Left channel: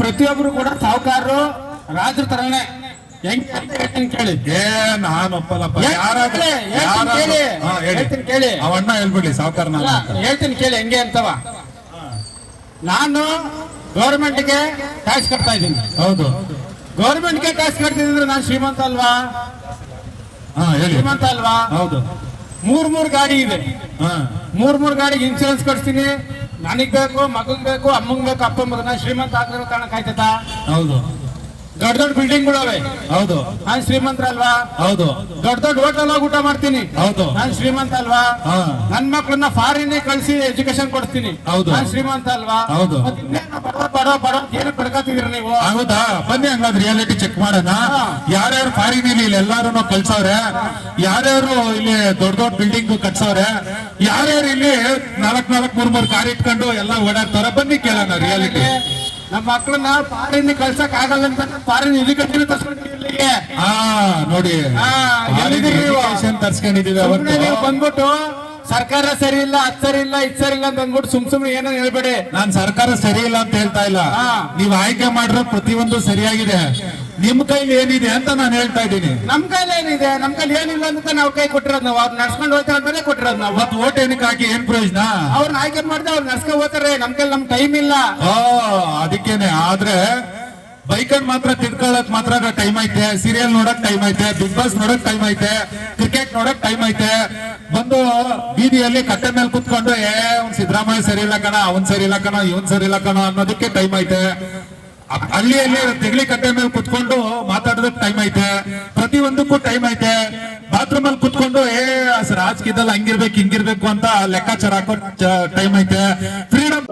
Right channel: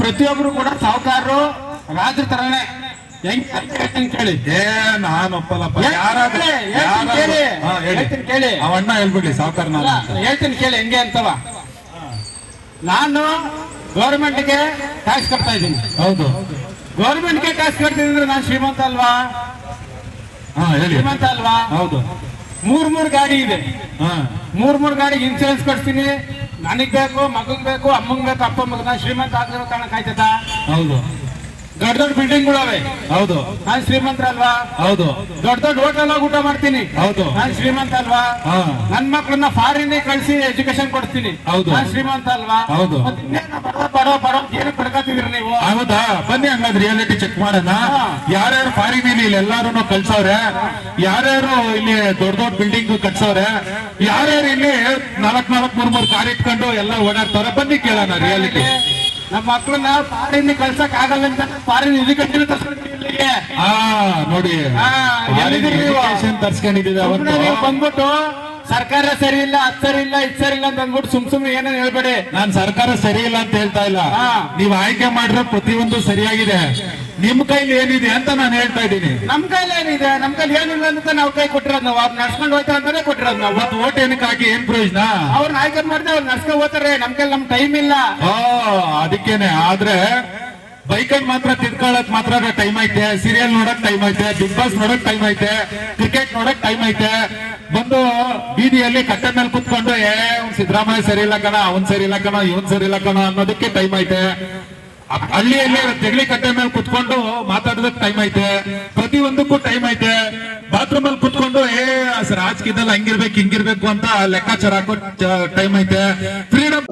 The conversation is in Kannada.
ಪ್ರತಿಯೊಬ್ರು ಕೂಡ ಸಾಹುಕಾರರು ರಾಜ್ರ ತರನೇ ಹೆಂಗ್ ಕೇಳಿ. ನಾನು ಒಪ್ಪಲ್ಲಪ್ಪ. ಯಾರಾದ್ರೂ ಕೇಳಿ ಅವಣ್ಣ ಹೇಳ್ಬಿಡಿ ಸಾವುಕಾರ ಹೇಳ್ತೀನಿ ಕೇಳಿ ಹೆಂಗೆ ಅಂತವ. ನಾನು ಗೌರ್ಮೆಂಟ್ಗೆ ಟ್ಯಾಕ್ಸ್ ಕಟ್ತಾ ಇದ್ದೀನಿ. ಹೌದು, ಗೌರ್ಮೆಂಟ್ಗೆ ಟ್ಯಾಕ್ಸ್ ಕಟ್ತಿದ್ರೆ ನಾನು ಶ್ರೀಮಂತ ಅಲ್ವಾ? ಶ್ರೀಮಂತ ಅಲ್ವಾ? ಹೌದು. ಮೂರ್ ಗಾಡಿ ಇದೆ. ಮೂರ್ ಗಾಡಿಗೆ ಇನ್ಶೂರೆನ್ಸ್ ಕೊಡ್ತೀನಿ. ನನಗ್ ಬೇಕು, ಮಗಗ್ ಬೇಕು, ಅಮ್ಮಂಗ್ ಬೇಕು, ಅಪ್ಪಂಗ್ ಬೇಕು. ನಾನು ಶ್ರೀಮಂತ ಆಗಿರೋ ಕಾರಣ ಕಾಯ್ತದ? ಹೌದು. ದೊಡ್ಡ ದೊಡ್ಡ ಬಿಲ್ಡಿಂಗ್ ಅವೆ. ಹೌದು. ನಾನು ಶ್ರೀಮಂತ ಅಲ್ವಾ? ಹೌದು. ದೊಡ್ಡ ಹೋಟೆಲ್ ಹೋಗಿ ಊಟ ಮಾಡ್ತೀನಿ. ಹೌದು. ನಾನು ಶ್ರೀಮಂತ ಅಲ್ವಾ? ನನ್ ಮಕ್ಳನ್ನ ಫಾರಿನ್ ಕಳಿಸಿ ಎಜುಕೇಶನ್ ಕೊಡ್ತೀನಿ. ಹೌದು. ನಾನು ಶ್ರೀಮಂತ ಅಲ್ವಾ? ಹೌದು. ಬರೋ ಏನು ಪಡ್ಕೋತಿದ್ರಿ ನೀವು? ಹೌದಾ? ಬನ್ನಿ ಹಂಗಾದ್ರೆ ರಿಯಾಲಿಟಿ ಚೆಕ್ ಮಾಡೋಣ. ಯಾರ್ಯಾರು ಫಾರಿನ್ ಇಲ್ಲಿ ಎಲ್ಲಾರು ಕಳ್ಸವ್ರೆ, ಯಾರ್ಯಾರು ಇಲ್ಲಿ ದೊಡ್ಡ ಬಿಲ್ಡಿಂಗ್ ಕಟ್ಸವ್ರೆ, ಯಾರ್ಯಾರು ಇಲ್ಲಿ 4 ಕಾರ್ ಇಟ್ಕೊಂಡು ಎಲ್ಲ ಓಡಾಡ್ತಾರ, ಬನ್ನಿ ಕೇಳೋಣ ರಿಯಾಲಿಟಿ. ನಮ್ಮ ಮಕ್ಕಳನ್ನ ಫಾರಿನ್ ಕಳ್ಸಕ್ ಆಗಲ್ಲ ಅಂತ ಫಾರಿನ್ ಎಜುಕೇಶನ್ ತರ್ಸ್ಕೊಂಡಿದ್ದೀವಿ. ನೋಡಿ, ತರ್ಸ್ಕೊಂಡಿದೀವಿ. ಬಂದ್ಬಿಟ್ಟು ಸರ್ಕಾರ ಸರಿ ಇಲ್ಲ, ಅದ್ ಸರಿ ಇಲ್ಲ, ಇದ್ ಸರಿ ಇಲ್ಲ ಅಂತ ಅಂದ್ಬಿಟ್ಟು ಸುಮ್ನೆ ಏನೋ ಹೇಳ್ಬೇಡಿ. ನಾನ್ ಸರ್ಕಾರ ಸರಿ ಇಲ್ಲ ಅಂತ ಹೇಳ್ತಾ ಇಲ್ಲ. ನೀವ್ ಆಯ್ಕೆ ಮಾಡಿರೋ ಪ್ರತಿಯೊಂದು ಸರಿಯಾಗಿದೆ. ನಿಮ್ ಕೈಲಿ ಏನಿದೆ ಅಂತ ನಾನು ಹೇಳ್ತಾ ಇದ್ದೀನಿ. ನಮ್ ಕೈಲಿ ಏನಿದೆ? ನಮ್ ಕೈಲಿ ಏನಿಲ್ಲ ಅಂತ ನಾವು ಕೈ ಕೊಟ್ಟಿರೋದು. ನಾವು ಅವ್ರು ನಡ್ಸ್ಕೊಂಡು ಹೋಗ್ತಾರೆ ಅಂತಾನೆ ಕೊಟ್ಟಿರೋದು. ನಾವು ಮತ್ ಓಟ್ ಏನಕ್ಕೆ ಹಾಕಿ ಏನ್ ಪ್ರಯೋಜನ? ಅವ್ರನ್ನ ಆಯ್ಕೆ ಮಾಡಿದ್ರೆ ಅವ್ರು ನಡ್ಸ್ಕೊಂಡು ಹೋಗ್ತಾರೆ. ನಮ್ ಕೈಲಿ ನಮ್ ಟೈಮ್ ಇಲ್ಲ. ಅದಕ್ಕೇನೆ. ಆದ್ರೆ ಬೈಕಂಡ್ ಮಾತ್ರ ತಿಳ್ಕೊಳಕ್ ಮಾತ್ರ ಟೈಮ್ ಐತೆ, ಸೀರಿಯಲ್ ನೋಡಕ್ ಟೈಮ್ ಐತೆ, ಬಿಗ್ ಬಾಸ್ ನೋಡಕ್ ಟೈಮ್ ಐತೆ, ಕ್ರಿಕೆಟ್ ನೋಡಕ್ ಟೈಮ್ ಐತೆ. ಬಂದು ಬೀದಿಯಲ್ಲಿ ಕಟ್ಟೆ ಮೇಲೆ ಕುತ್ಕೊಂಡು ಸಿದ್ದರಾಮಯ್ಯ ಸರಿ ಇಲ್ಲ ಕಣ, ಅವನ್ ಸರಿ ಇಲ್ಲ ಕಣ, ಇವನ್ ಸರಿ ಇಲ್ಲ ಕಣ ಅನ್ನೋದಕ್ಕೆ ಟೈಮ್ ಐತೆ. ಹಳ್ಳಿಯಲ್ಲಿ ತೆಗಲಿ ಕಟ್ಟೆ ಮೇಲೆ ಕುತ್ಕೊಂಡು ಮಾತಾಡೋದಕ್ಕೆ ಟೈಮ್ ಐತೆ. ಪ್ರತಿಯೊಂದಕ್ಕೂ ಟೈಮ್ ಐತೆ. ಬಾತ್ರೂಮ್ ಅಲ್ಲಿ ಕುತ್ಕೊಂಡು ರಾಜಕೀಯದಲ್ಲಿ ಹಂಗಿರ್ಬೇಕು ಹಿಂಗಿರ್ಬೇಕು ಅಂತ ಲೆಕ್ಕಾಚಾರ ಹಾಕೋ ಟೈಮ್ ಐತೆ. ಫ್ರೀಡಮ್